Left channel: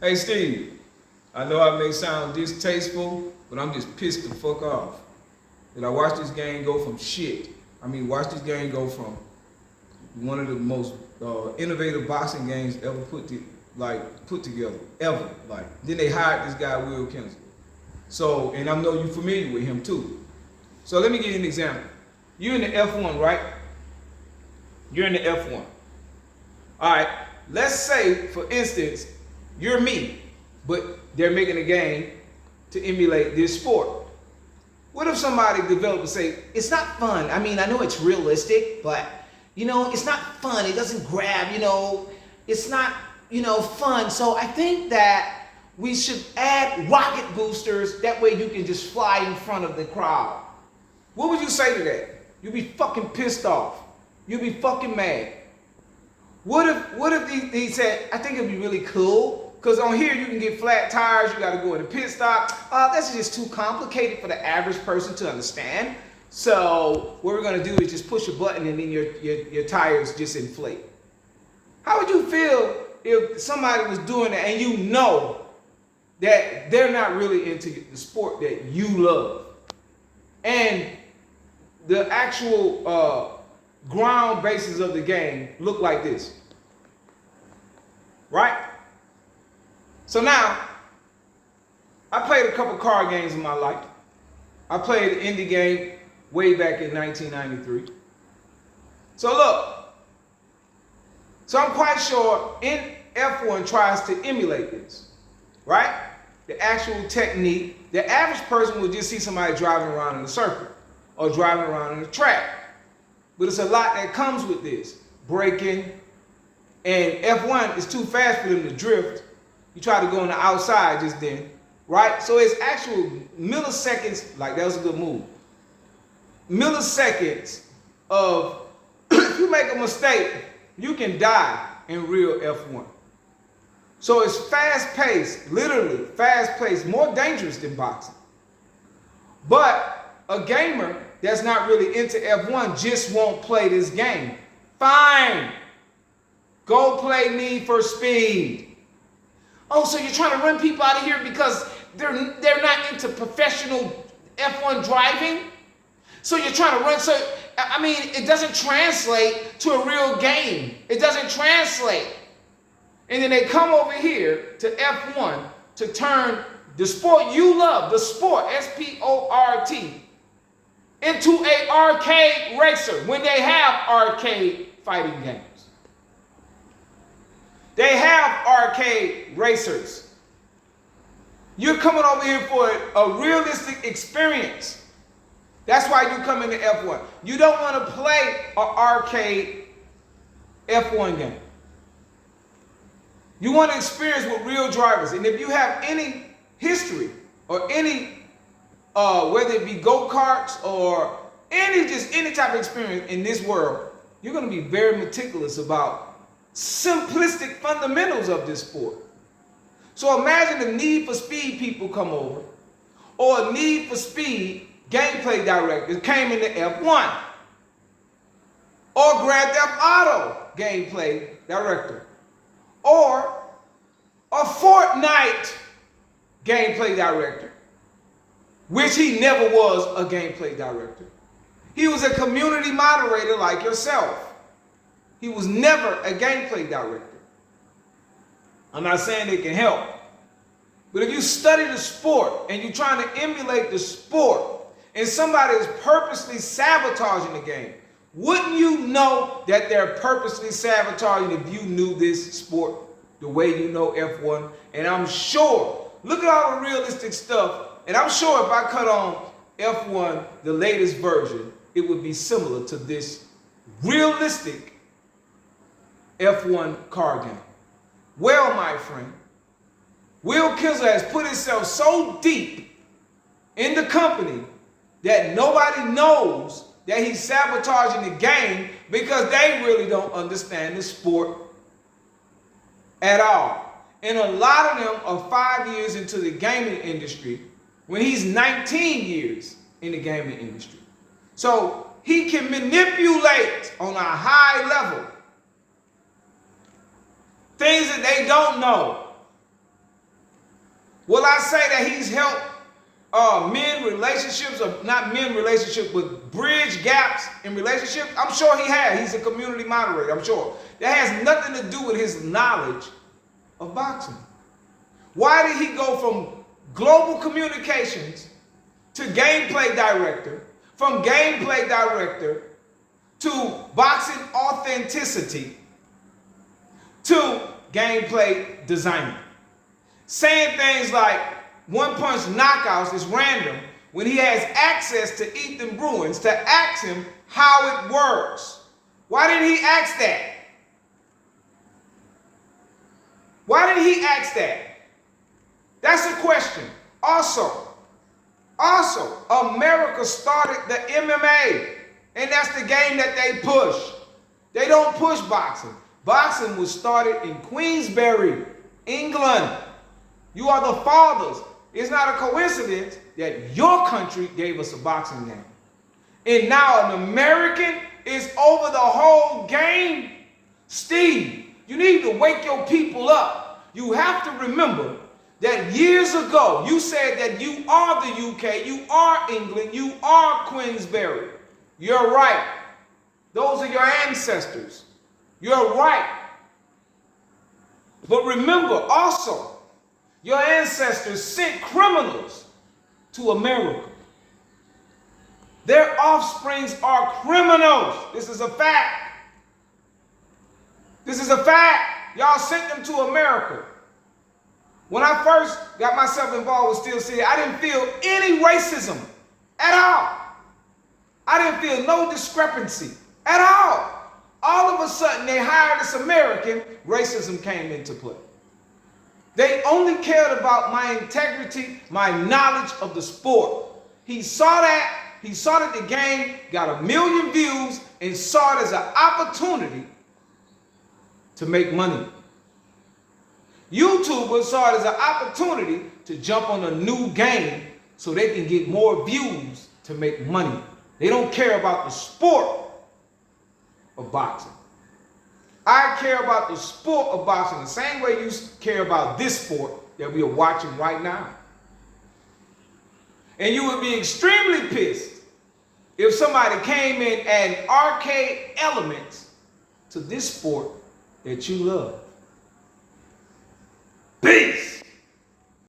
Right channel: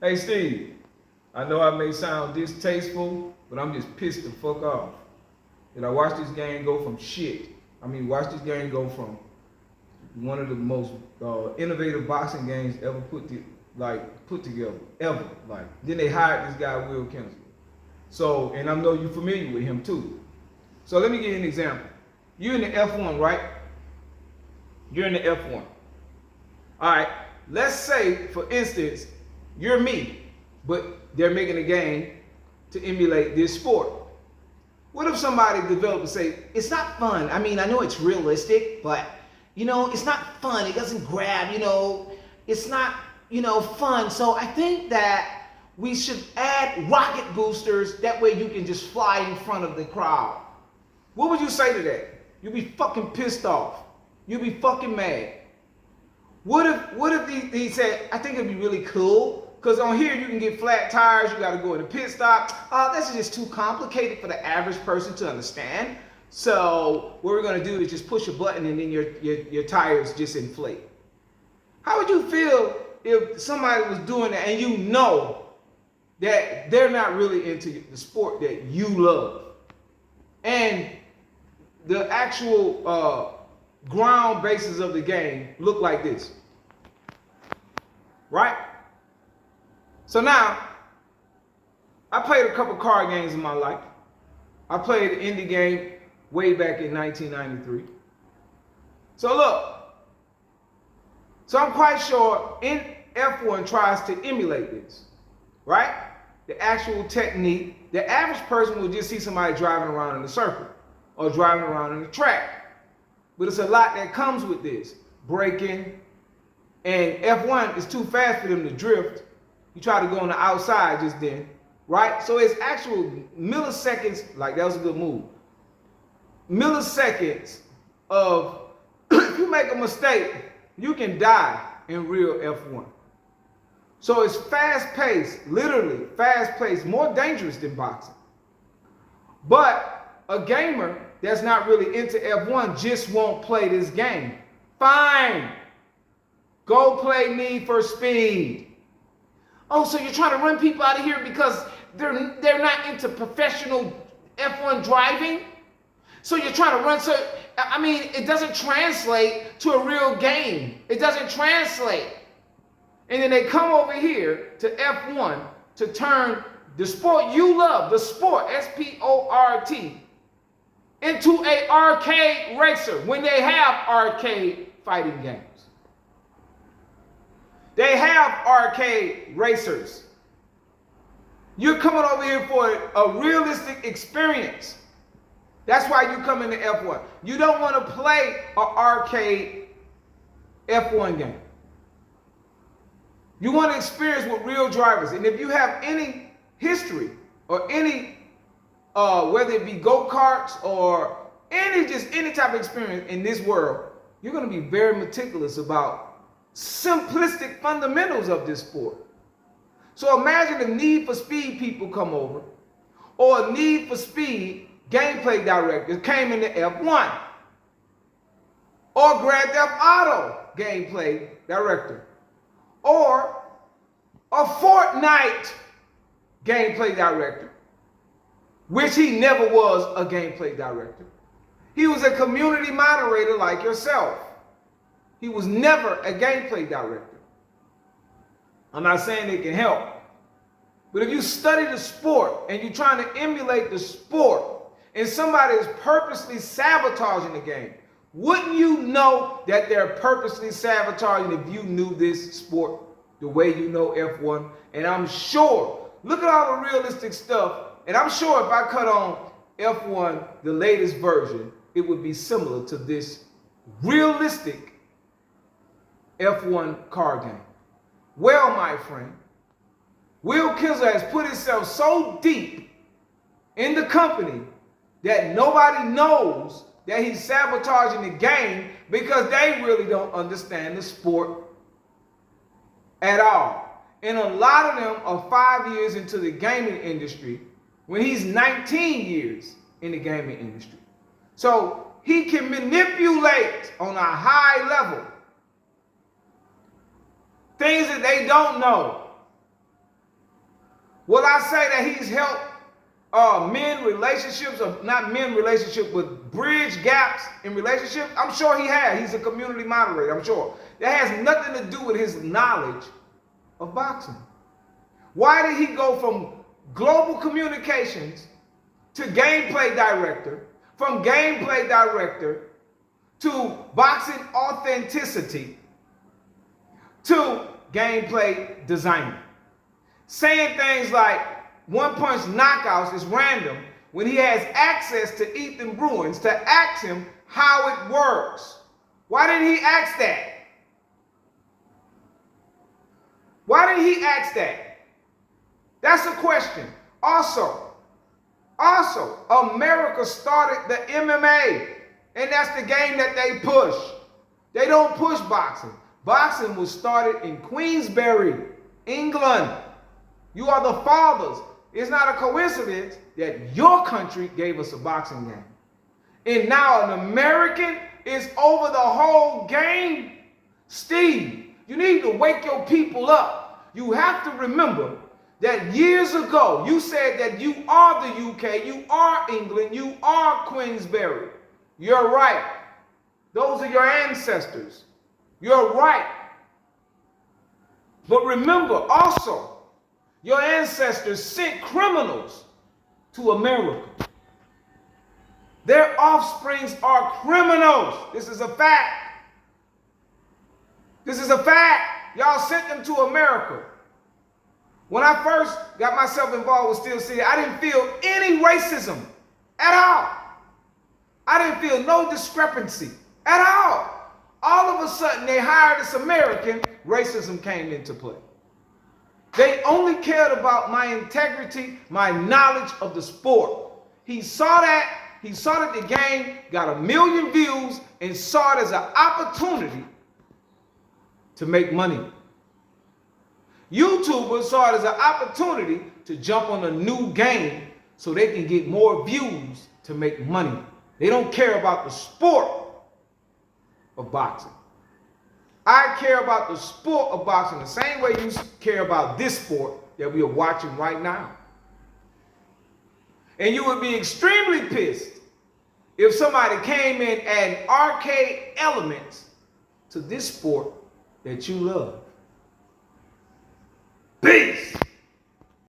Hey Steve, I know I may sound distasteful, but I'm just pissed the fuck off that I watched this game go from shit. I mean, watch this game go from one of the most innovative boxing games ever put together ever. Like then they hired this guy Will Kinsler. So and I know you're familiar with him too. So let me give you an example. You're in the F1, right? You're in the F1. All right. Let's say, for instance, you're me, but they're making a game to emulate this sport. What if somebody developed and say, it's not fun? I mean, I know it's realistic, but, it's not fun. It doesn't grab, it's not, fun. So I think that we should add rocket boosters. That way you can just fly in front of the crowd. What would you say to that? You'd be fucking pissed off. You'd be fucking mad. What if he said, I think it'd be really cool, because on here you can get flat tires, you gotta go to the pit stop. That's just too complicated for the average person to understand. So what we're gonna do is just push a button and then your tires just inflate. How would you feel if somebody was doing that and you know that they're not really into the sport that you love? And the actual ground bases of the game look like this, right? So now, I played a couple card games in my life. I played an indie game way back in 1993. So look, so I'm quite sure in F1 tries to emulate this, right? The actual technique. The average person will just see somebody driving around in a circle or driving around in a track. But it's a lot that comes with this. Braking. And F1 is too fast for them to drift. You try to go on the outside just then. Right? So it's actual milliseconds. Like, that was a good move. Milliseconds of, if you make a mistake, you can die in real F1. So it's fast-paced, literally fast-paced, more dangerous than boxing. But a gamer that's not really into F1 just won't play this game. Fine. Go play Need for Speed. Oh, so you're trying to run people out of here because they're not into professional F1 driving? So you're trying to run, it doesn't translate to a real game. It doesn't translate. And then they come over here to F1 to turn the sport you love, the sport, S-P-O-R-T, into an arcade racer when they have arcade fighting games. They have arcade racers. You're coming over here for a realistic experience. That's why you come into F1. You don't want to play an arcade F1 game. You want to experience with real drivers. And if you have any history or any, whether it be go-karts or any type of experience in this world, you're going to be very meticulous about simplistic fundamentals of this sport. So imagine if Need for Speed people come over, or a Need for Speed gameplay director came into F1, or Grand Theft Auto gameplay director, or a Fortnite gameplay director, which he never was a gameplay director. He was a community moderator like yourself. He was never a gameplay director. I'm not saying it can help. But if you study the sport and you're trying to emulate the sport and somebody is purposely sabotaging the game, wouldn't you know that they're purposely sabotaging if you knew this sport the way you know F1? And I'm sure, look at all the realistic stuff, and I'm sure if I cut on F1, the latest version, it would be similar to this realistic F1 car game. Well, my friend, Will Kinsler has put himself so deep in the company that nobody knows that he's sabotaging the game because they really don't understand the sport at all. And a lot of them are 5 years into the gaming industry when he's 19 years in the gaming industry. So he can manipulate on a high level things that they don't know. Will I say that he's helped men relationships, or not men relationships, but bridge gaps in relationships? I'm sure he has. He's a community moderator, I'm sure. That has nothing to do with his knowledge of boxing. Why did he go from global communications to gameplay director, from gameplay director to boxing authenticity to gameplay designer? Saying things like one-punch knockouts is random when he has access to Ethan Bruins to ask him how it works. Why didn't he ask that? Why did he ask that? That's a question. Also, America started the MMA, and that's the game that they push. They don't push boxing. Boxing was started in Queensberry, England. You are the fathers. It's not a coincidence that your country gave us a boxing game. And now an American is over the whole game. Steve, you need to wake your people up. You have to remember that years ago, you said that you are the UK, you are England, you are Queensberry. You're right. Those are your ancestors. You're right. But remember also, your ancestors sent criminals to America. Their offsprings are criminals. This is a fact. This is a fact. Y'all sent them to America. When I first got myself involved with Steel City, I didn't feel any racism at all. I didn't feel no discrepancy at all. All of a sudden, they hired this American, racism came into play. They only cared about my integrity, my knowledge of the sport. He saw that the game got 1 million views and saw it as an opportunity to make money. YouTubers saw it as an opportunity to jump on a new game so they can get more views to make money. They don't care about the sport of boxing. I care about the sport of boxing the same way you care about this sport that we are watching right now. And you would be extremely pissed if somebody came in and added arcade elements to this sport that you love.